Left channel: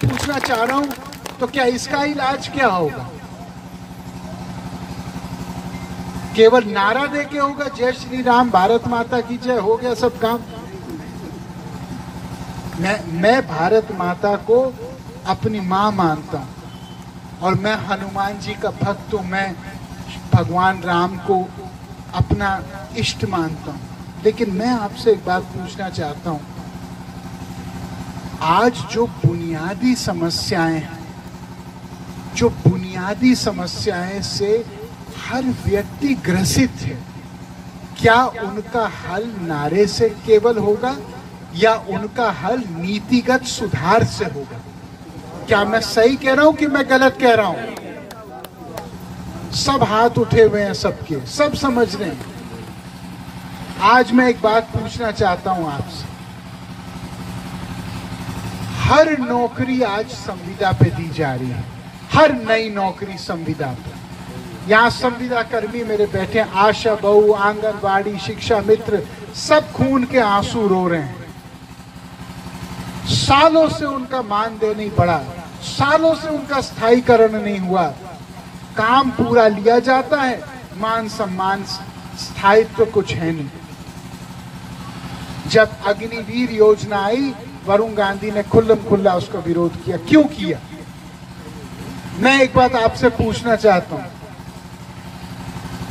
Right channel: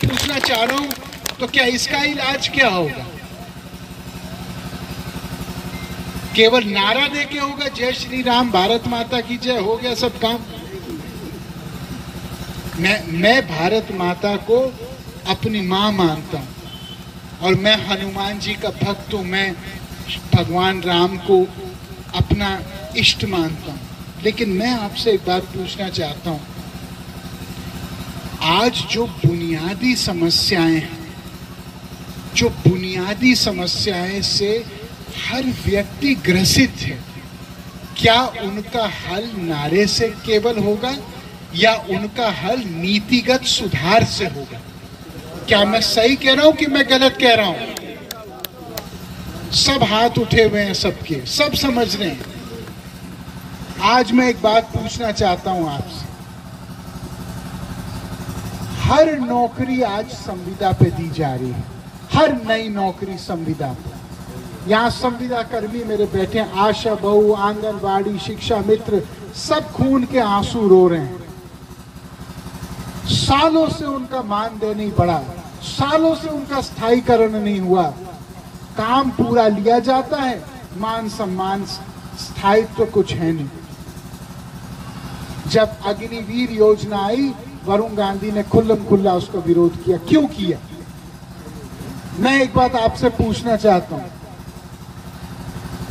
पूछना चाह रहा हूं, तो क्या इसका इलाज क्या होगा? केवल नारा दे के होगा जय श्री राम, भारत माता की जय, हो गया सब काम? मैं भारत माता को अपनी मां मानता हूं और मैं हनुमान जी का भक्त हूं। मैं भगवान राम को अपना इष्ट मानता हूं। लेकिन मैं आपसे एक बात पूछना चाहता हूं, आज जो बुनियादी समस्याएं हैं, जो बुनियादी समस्याएं से हर व्यक्ति ग्रसित है, क्या उनका हल नारे से केवल होगा या उनका हल नीतिगत सुधार से होगा? क्या मैं सही कह रहा हूं कि मैं गलत कह रहा हूं? सब हाथ उठे हुए हैं, सबके सब समझ रहे हैं। आज मैं एक बात पूछना चाहता हूं आपसे। हर नौकरी आज संविदा पे दी जा रही है, हर नई नौकरी संविदा पे। यहां संविदा कर्मी मेरे बैठे, आशा बहु, आंगनवाड़ी, शिक्षा मित्र, सब खून के आंसू रो रहे हैं। सालों से उनका मानदेय नहीं बढ़ा, सालों से उनका स्थायीकरण नहीं हुआ। काम पूरा लिया जाता है, मान सम्मान स्थायित्व तो कुछ है नहीं। जब अग्निवीर योजना आई, वरुण गांधी ने खुल्लम खुल्ला उसका विरोध किया। क्यों किया? मैं एक बात आपसे पूछना चाहता हूं,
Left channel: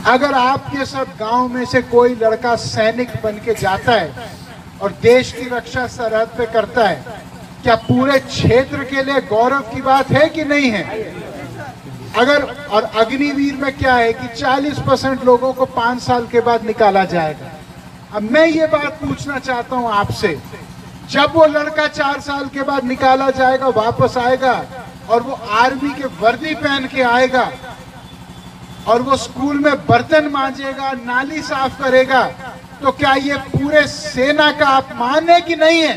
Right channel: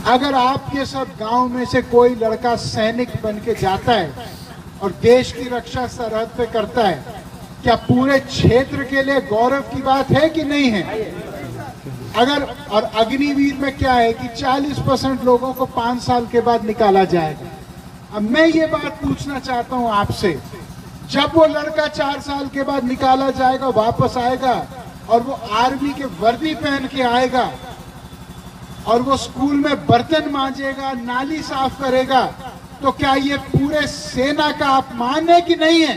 अगर आपके सब गांव में से कोई लड़का सैनिक बन के जाता है और देश की रक्षा सरहद पे करता है, क्या पूरे क्षेत्र के लिए गौरव की बात है कि नहीं है? अगर और अग्निवीर में क्या है कि 40% लोगों को 5 साल के बाद निकाला जाएगा। अब मैं ये बात पूछना चाहता हूं आपसे, जब वो लड़का 4 साल के बाद निकाला जाएगा, वापस आएगा और वो आर्मी के वर्दी पहन के आएगा और वो स्कूल में बर्तन मांजेगा, नाली साफ करेगा, तो क्या ये पूरे सेना का अपमान है कि नहीं है?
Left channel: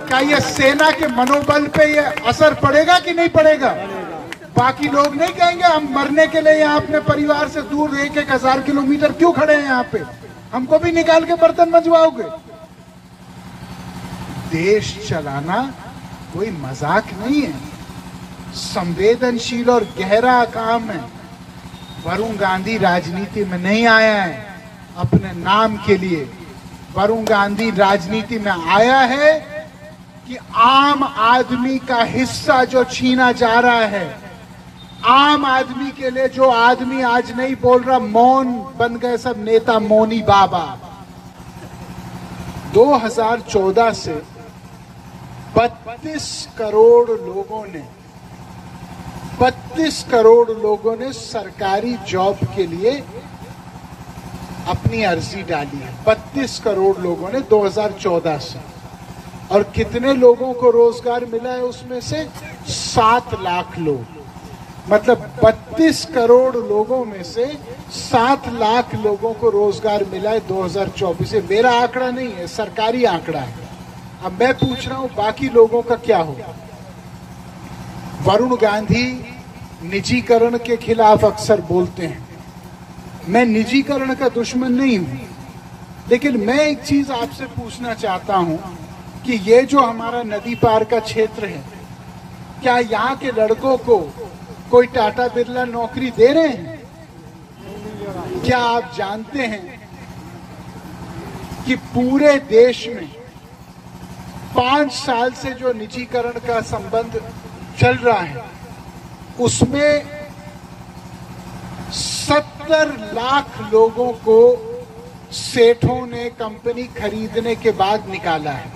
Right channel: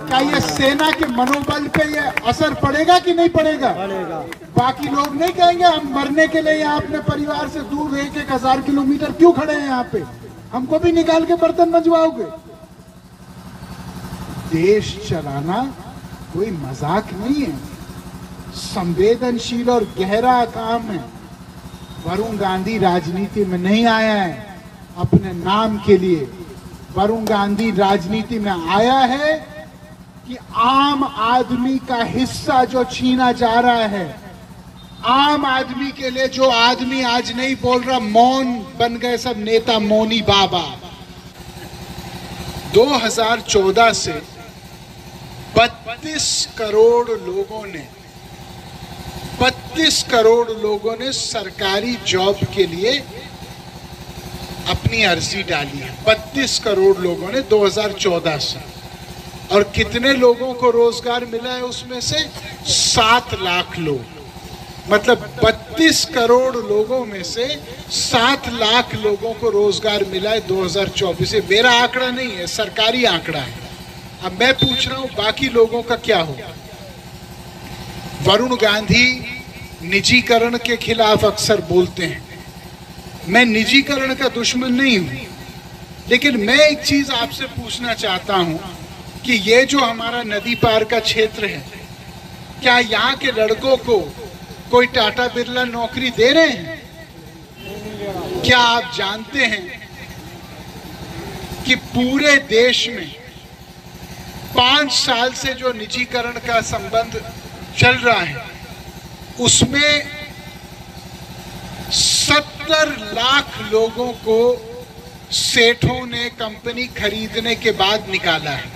क्या ये सेना के मनोबल पे ये असर पड़ेगा कि नहीं पड़ेगा? बाकी लोग नहीं कहेंगे हम मरने के लिए यहाँ अपने परिवार से दूर 1,000 किलोमीटर क्यों खड़े हैं यहाँ पे, हमको भी निकाल के बर्तन मंजवाओगे? देश चलाना कोई मजाक नहीं है, संवेदनशील और गहरा काम है। वरुण गांधी राजनीति में नहीं आया है अपने नाम के लिए। वरुण गांधी राजनीति में आया है कि आम आदमी का हिस्सा जो छीना जा रहा है, आम आदमी के लिए जो आदमी आज नहीं बोल रहा, मौन बन गए सब नेता, मौनी बाबा। 2014 से 32 करोड़ लोगों ने सरकारी जॉब के लिए अपनी अर्जी डाली है। 32 करोड़ लोगों ने 2014 से। और कितने लोगों को रोजगार मिला है उसमें से? 7 लाख लोग। मतलब 32 करोड़ लोगों में से 7 लाख लोगों को रोजगार मिला है 2024 से। मेरा आंकड़ा नहीं है, सरकारी आंकड़ा है। अब मैं पूछ रहा हूं बाकी लोगों का क्या होगा? वरुण गांधी निजीकरण के खिलाफ अक्सर बोलते हैं। मैं निजीकरण का दुश्मन नहीं हूं, लेकिन मैं एक चीज आपसे पूछना चाहता हूं कि ये जो हमारा नदी पार का क्षेत्र है, क्या यहाँ के लड़कों को कोई टाटा बिरला नौकरी दे रहे हैं? क्या आप जानते हैं कि पूरे देश में 5 साल से जो निजीकरण का संबंध चल रहा है, उसमें 70 लाख लोगों को सेठों ने कंपनी खरीदने के बाद निकाला है।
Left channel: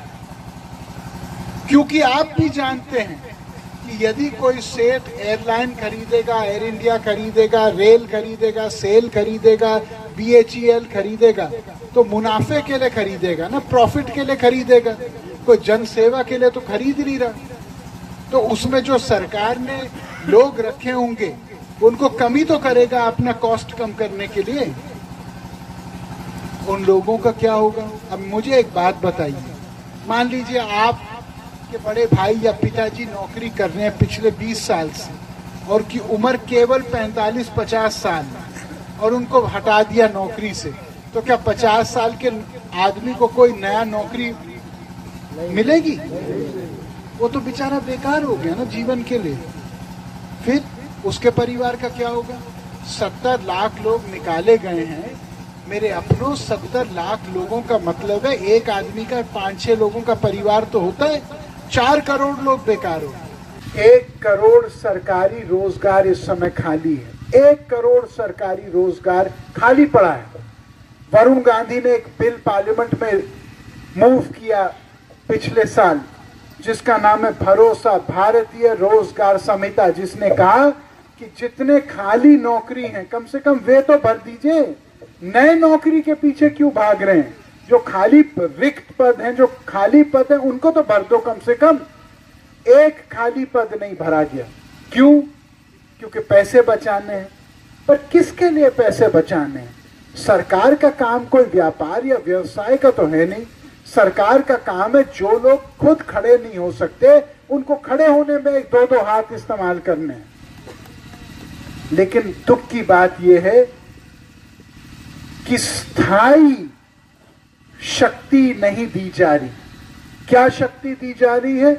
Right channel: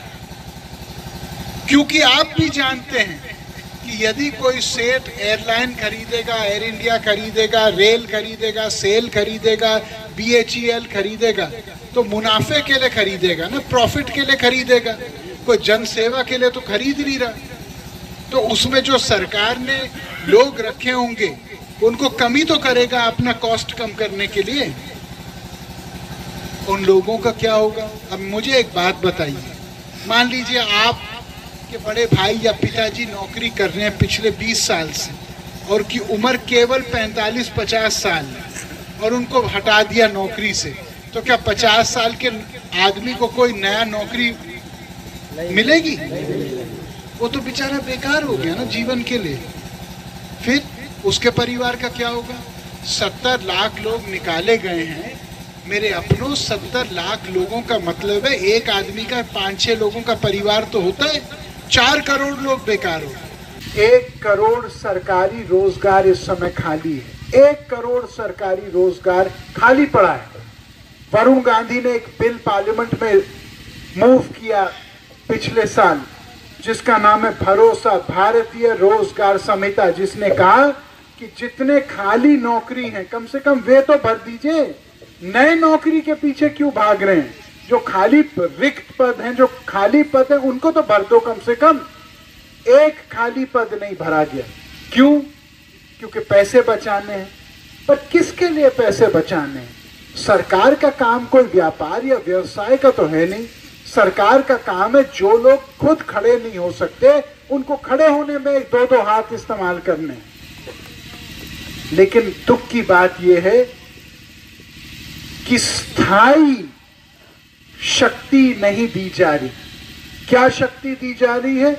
क्योंकि आप भी जानते हैं कि यदि कोई सेठ एयरलाइन खरीदेगा, एयर इंडिया खरीदेगा, रेल खरीदेगा, सेल खरीदेगा, BHEL खरीदेगा, तो मुनाफे के लिए खरीदेगा ना, प्रॉफिट के लिए खरीदेगा। कोई जन सेवा के लिए तो खरीद नहीं रहा। तो उसमें जो सरकार ने लोग रखे होंगे, उनको कमी तो करेगा अपना कॉस्ट कम करने के लिए। उन लोगों का क्या होगा? अब मुझे एक बात बताइए, मान लीजिए आप के बड़े भाई या पिताजी नौकरी कर रहे हैं पिछले 20 साल से और की उम्र केवल 45-50 साल और उनको हटा दिया नौकरी से, तो क्या 50 साल के आदमी को कोई नया नौकरी मिलेगी? वो तो बेचारा बेकार हो गया ना जीवन के लिए। फिर उसके परिवार का क्या होगा? 70 लाख लोग निकाले गए हैं। मेरे अपनों 70 लाख लोगों का मतलब है एक आदमी का 5-6 लोगों का परिवार तो होता है। 4 करोड़ लोग बेकार हो। 1 करोड़ सरकारी रोजगार इस समय खाली है। 1 करोड़ सरकारी रोजगार खाली पड़ा है। वरुण गांधी ने एक बिल पार्लियामेंट में मूव किया पिछले साल, जिसका नाम है भरोसा भारतीय रोजगार संहिता, जिसने कहा कि जितने खाली नौकरी हैं कम से कम वे तो भर दीजिए। नए नौकरी के पीछे क्यों भाग रहे हैं? जो खाली रिक्त पद हैं, जो खाली पद हैं, उनको तो भर दो कम से कम। 1 खाली पद नहीं भरा गया। क्यों? क्योंकि पैसे बचाने हैं। पर किसके लिए पैसे बचाने हैं? सरकार का काम कोई व्यापार या व्यवसाय का तो है नहीं। सरकार का काम है जो लोग खुद खड़े नहीं हो सकते उनको खड़े होने में 1-2 हाथ इस्तेमाल करने हैं। लेकिन दुख की बात यह है कि स्थायी शक्ति नहीं दी जा रही। क्या शक्ति दी जा रही है?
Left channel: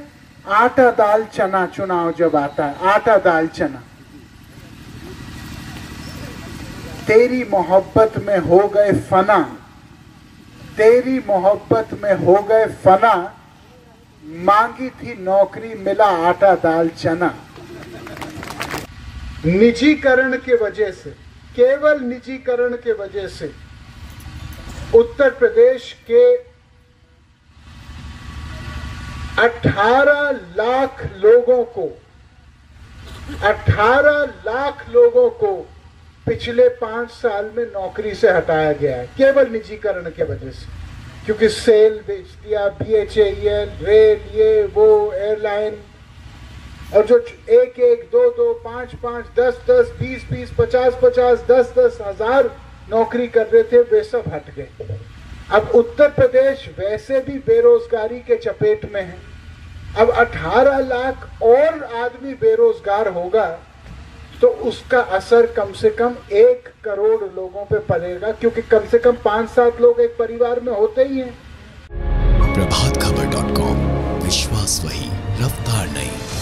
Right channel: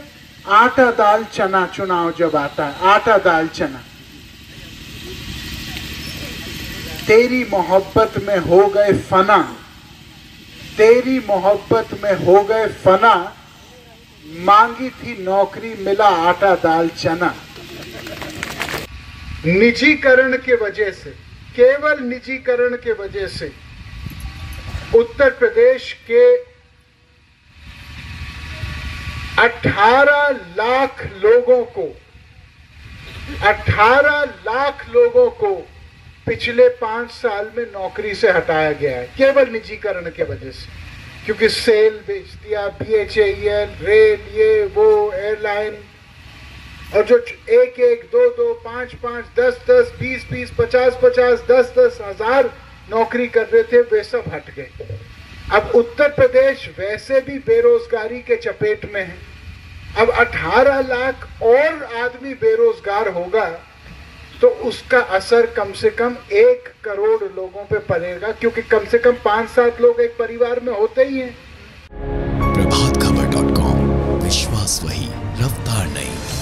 आटा दाल चना। चुनाव जब आता है, आटा दाल चना। तेरी मोहब्बत में हो गए फना, तेरी मोहब्बत में हो गए फना, मांगी थी नौकरी मिला आटा दाल चना। निजीकरण के वजह से, केवल निजीकरण के वजह से उत्तर प्रदेश के 18 लाख लोगों को पिछले 5 साल में नौकरी से हटाया गया है, केवल निजीकरण के वजह से। क्योंकि सेल बेच दिया, BHEL, रेल, ये वो, एयरलाइन, और जो 1-1, 2-2, 5-5, 10-10, 20-20, 50-50, 10-10 हजार नौकरी कर रहे थे, वे सब हट गए। अब उत्तर प्रदेश वैसे भी बेरोजगारी के चपेट में है। अब 18 लाख और आदमी बेरोजगार होगा तो उसका असर कम से कम 1 करोड़ लोगों पे पड़ेगा, क्योंकि कम से कम 5-7 लोग एक परिवार में होते ही हैं। प्रभातखबर.com, विश्वास वही, रफ्तार नहीं।